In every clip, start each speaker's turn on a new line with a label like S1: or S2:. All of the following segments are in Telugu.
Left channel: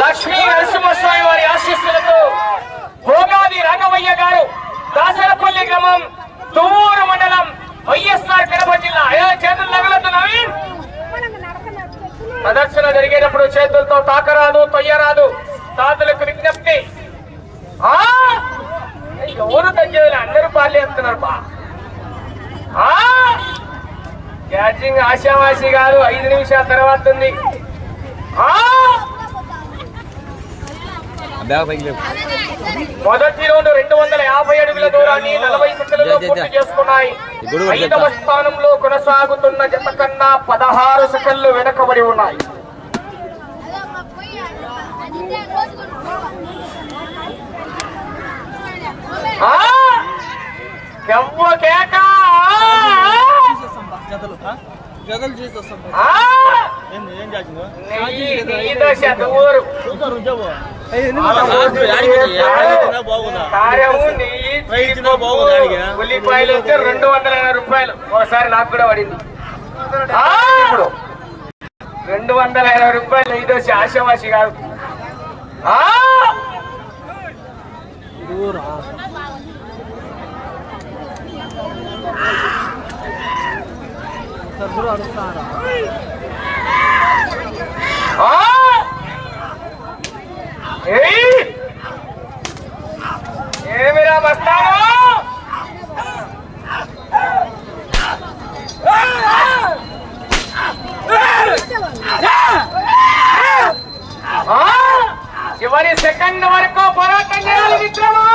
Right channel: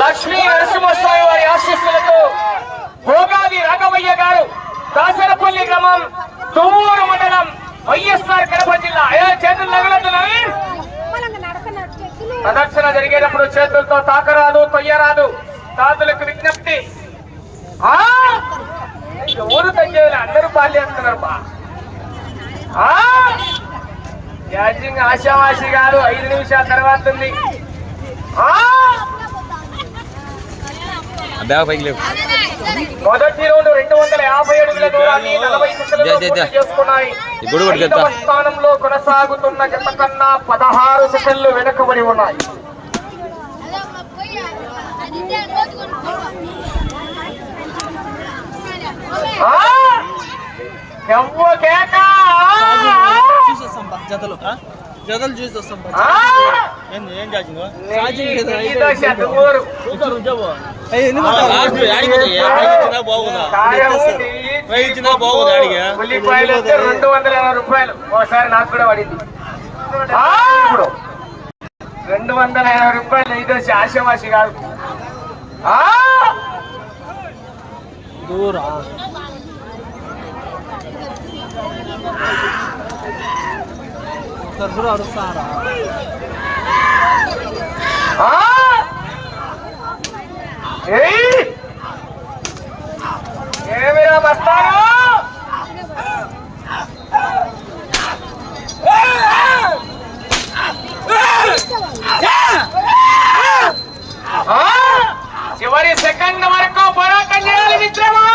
S1: లక్ష్మీ నరసింహస్వామి వారి ఆశీస్సులతో భోగాది రాఘవయ్య గారు దాసరపల్లి గ్రామం తువ్వూరు మండలం వైఎస్ఆర్ కడప జిల్లా. చేతులు నగలతున్నాయి ప్రదర్శన జరిగేటప్పుడు చేతులతో తాకరాదు తొయ్యరాదు. సాధులకు విజ్ఞప్తి. ఆ? ఎవరు తగ్గేది అందరూ పాల్చేస్తున్నారు బా. ఆ? క్యాచింగ్ గారు ఐదు నిమిషాల తర్వాత ఉంది. ఆ?
S2: బ్యాగ్ పైకి లేవు.
S1: మొదటి రౌండ్ రెండు వందల యాభై అడుగుల దూరాన్ని నలభై చేసుకున్నాయి. ఐదవ. స్థానంలో కొనసాగుతున్న జత కన్నా పదహారు సెకండ్లు వెనకబడి ఉన్నాయి.
S3: జతలు? జతలు చూసి వస్తాం ఏం చేసిందో
S1: నెయ్యి- నెయ్యి ఉల్లిపాయలు వస్తే రెండు వందల రూపాయలు. ఒకసారి నాకు కూడా పడింది! రెండు వందల ఎనభై రూపాయలు ఇది వచ్చి ఆశామాషి కాదు ఆ! ఏమిరా బస్తాలు చివరి సెకండ్ వరకు పోరాటం చేయాలి మిత్రమా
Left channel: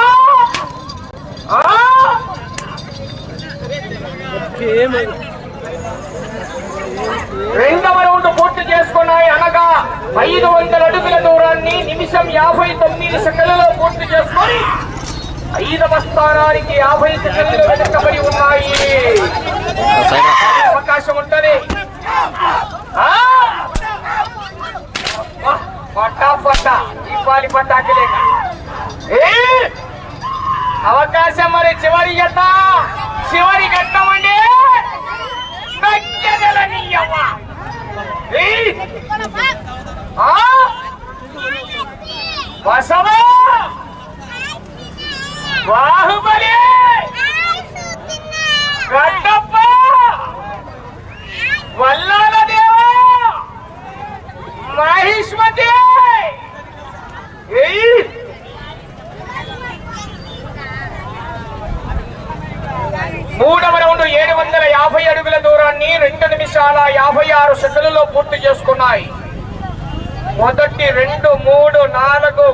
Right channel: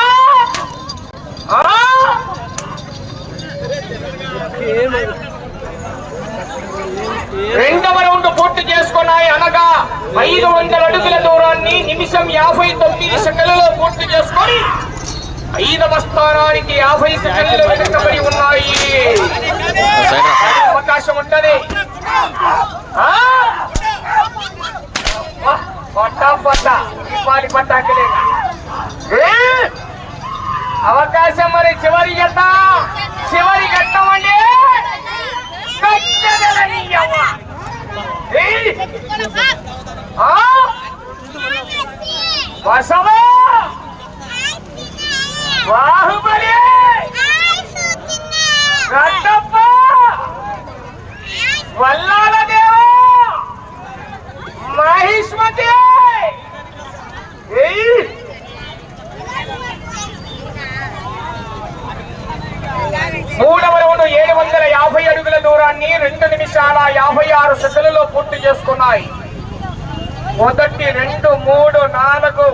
S1: రెండవ రౌండ్ పూర్తి చేసుకున్నాయి అనగా ఐదు వందల అడుగుల నిమిషం యాభై తొమ్మిది సెకండ్లలో పూర్తి చేసుకొని ఐదవ స్థానానికి యాభై సెకండ్లు వెనకబడి ఉన్నాయి. అవకాశం ఉంటది. పట్టా పట్టా! అవకాశం మరి చివరి గట్ట చివరి ఘట్టమండి కట్టెదలనీయవ్వ. ఏయ్! ఆ! బసవ బాహుబలి గడ్డప్ప! వల్లాల దేవ! మహిష్మతి! మూడవ రౌండ్ ఏడు వందల యాభై అడుగుల దూరాన్ని రెండు నిమిషాల యాభై ఆరు సెకండ్లలో పూర్తి చేసుకున్నాయి. మొదటి రెండు మూడు నాలుగు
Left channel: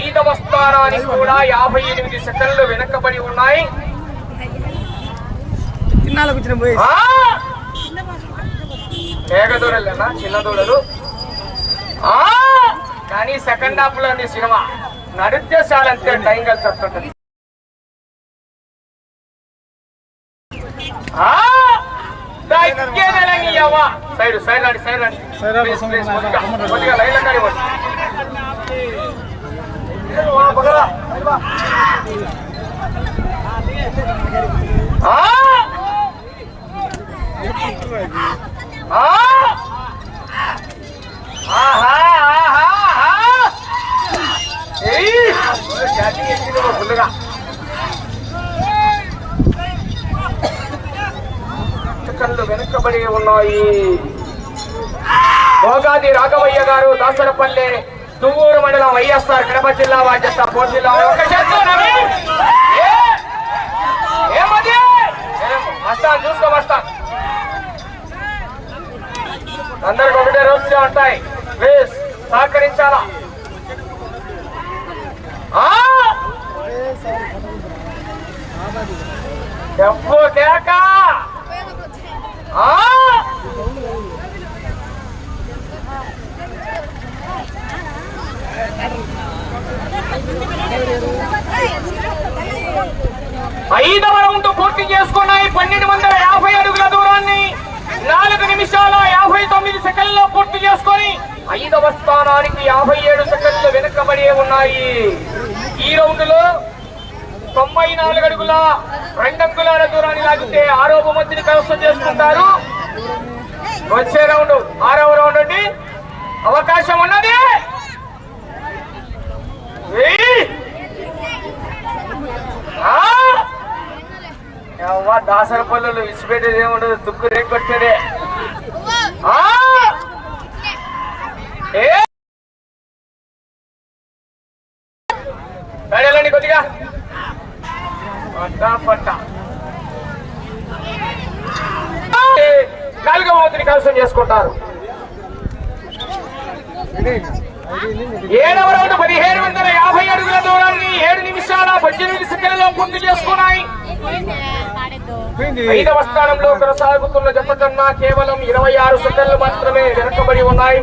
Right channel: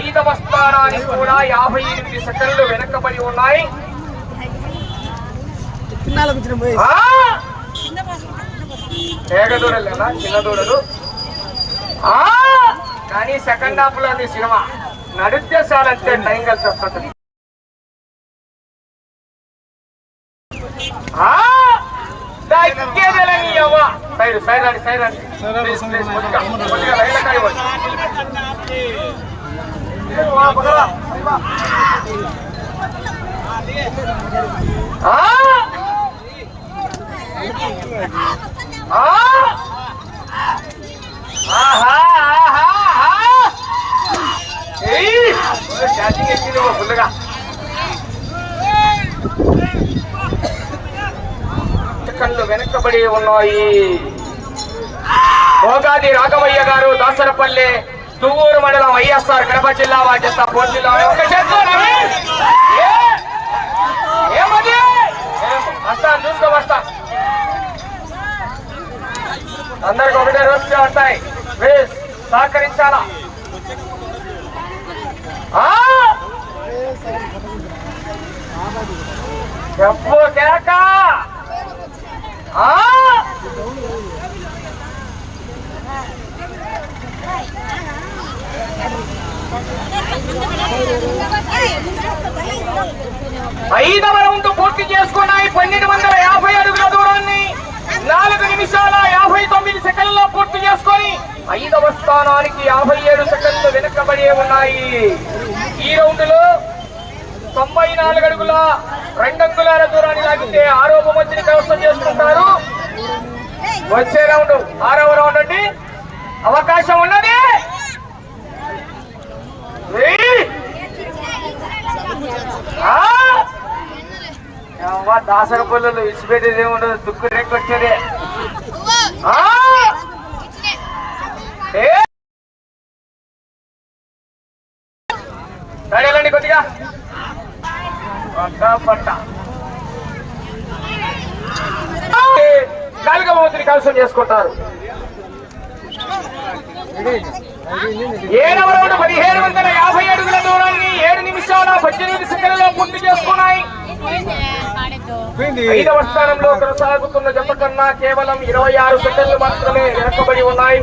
S1: ఐదవ స్థానానికి కూడా యాభై ఎనిమిది సెకండ్లు వెనకబడి ఉన్నాయి. చిన్న దూడలు! కానీ సెకండ్ హాఫ్లో సినిమా. నడుద్దేశాలంటే టైం కలిసి వస్తుంటది ఆ! దక్కేదేలని అవ్వ. సైడ్ సైడ్ రండి సైడ్ రండి
S3: సైడ్ రండి,
S1: ప్లీజ్,
S3: సైడ్
S1: ప్లీజ్,
S3: రండి.
S1: కొద్దిగా, కొద్దిగా లైన్లో కానివ్వండి. వా, పగలా, పగలా. ఆ! ఆ! ఆహా, ఆహా, ఆహా! ఏయ్! ఛార్జింగ్ ఎక్కిందేమో ఫుల్లుగా. సెకండ్లు వెనకబడి ఉన్నాయి. భోగాది రాఘవయ్య గారు దాసరపల్లె తువ్వూరు మండలం వైఎస్ఆర్ కడప జిల్లా బాధ్యత కోట్ జిల్లా చూసుకో వస్తా. అందరికి ఒకటే రోజులే ఉంటాయి. ప్లీజ్ సహకరించాలా! చెప్పు కేక! ఐదవ రౌండ్ పూర్తి చేసుకున్నాయి పన్నెండు వందల యాభై అడుగుల దూరాన్ని నాలుగు నిమిషాల యాభై తొమ్మిది సెకండ్లో పూర్తి చేసుకొని ఐదవ స్థానానికి యాభై ఏడు సెకండ్లు వెనుకబడి ఉన్నాయి. ఈ రౌండ్లో తొంభై నాలుగు అడుగుల రెండంగుల దూరాన్ని లాగితే ఆరో బహుమతిని కైవసం చేసుకుంటారు. వచ్చే రౌండ్ ఆరవ రౌండ్ అండి. అవకాశం ఉన్నది? దాసర పనులు ఇచ్చిపెట్టేది ఏముండదు దుక్కు రేకొట్టేదే ఆ! ఏ! పట్ట పట్ట నాలుగవ చేసుకుంటారు. ఏడవ రౌండ్ పదిహేడు వందల యాభై అడుగుల దూరాన్ని ఏడు నిమిషాల పద్దెనిమిది సెకండ్లలో పూర్తి చేసుకున్నాయి. ఐదవ స్థానంలో కొనసాగుతున్న జపకన్నా కేవలం ఇరవై ఆరు సెకండ్లు మాత్రమే వెనకబడి ఉన్నాయి.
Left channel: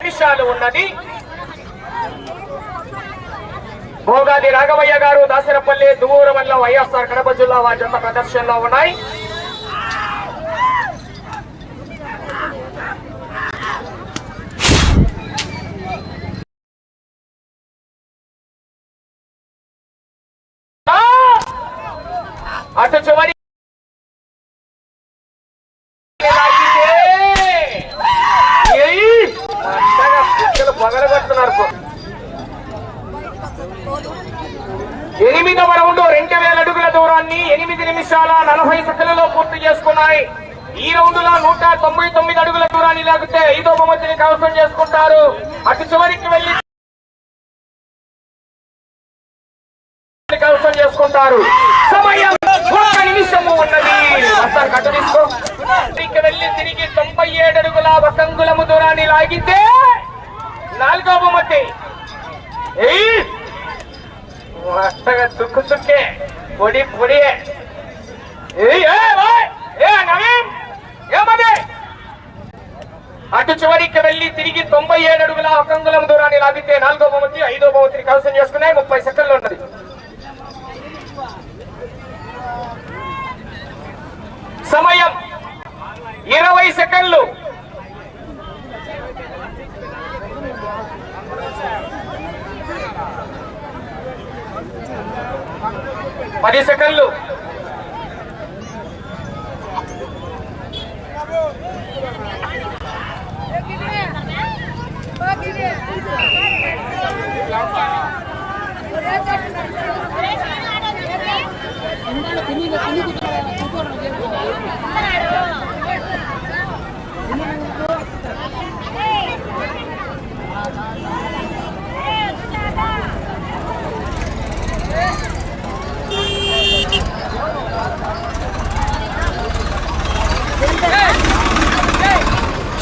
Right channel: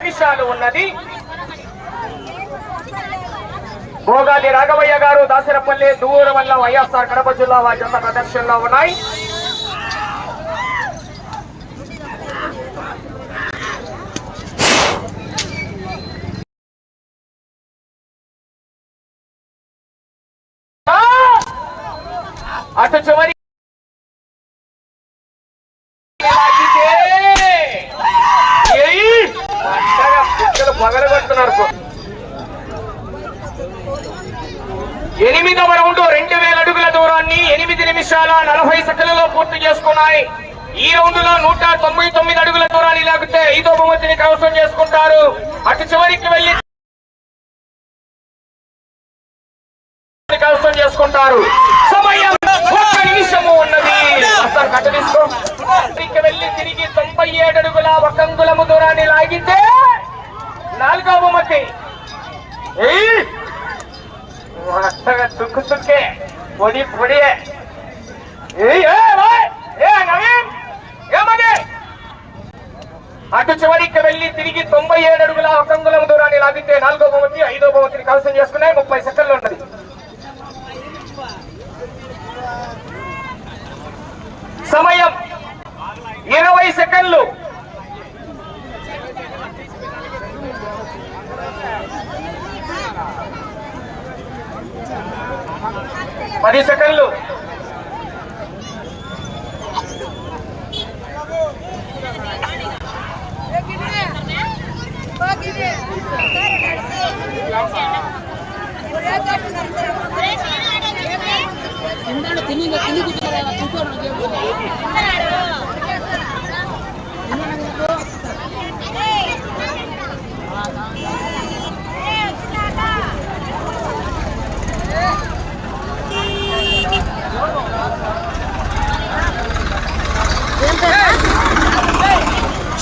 S1: నిమిషాలు ఉన్నది. భోగాది రాఘవయ్య గారు దాసరపల్లి దూరం వల్ల వైఎస్ఆర్ కడప జిల్లా వారి ప్రదర్శనలో ఉన్నాయి ఆ! అటు చివరి ఎనిమిదవ రౌండ్ రెండు వేల అడుగుల దూరాన్ని ఎనిమిది నిమిషాల నలభై సెకండ్లలో పూర్తి చేసుకున్నాయి. ఈ రౌండ్లో నూట తొంభై తొమ్మిది అడుగుల దూరాన్ని లాగితే ఐదో బహుమతిని కవసం చేసుకుంటారు. అటు చివరికి వెళ్ళి కవసం చేసుకుంటారు సమయం ఒక్క నిమిషము ఉన్నది ఒకసారి కట్ట తీసుకో ఇక వెళ్ళి తిరిగి తొంభై ఏడు అడుగుల వకంగులము దూరాన్ని లాగితే నాలుగో బహుమతి ఏయ్! వస్తగా తుక్కు తుక్కే పొడి పొడి ఏ, ఏ, అటు చివరికి వెళ్ళి తిరిగి తొంభై ఏడు అడుగుల ఒకంగులం దూరాన్ని లాగితే నాలుగో భవతి ఐదో భవతిని కవసం చేసుకున్నాయి ముప్పై సెకండ్లు ఉన్నది సమయం ఇరవై సెకండ్లు పది సెకండ్లు.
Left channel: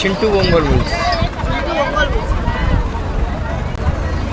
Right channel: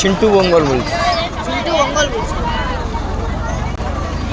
S3: চিন্টু মঙ্গল বলছি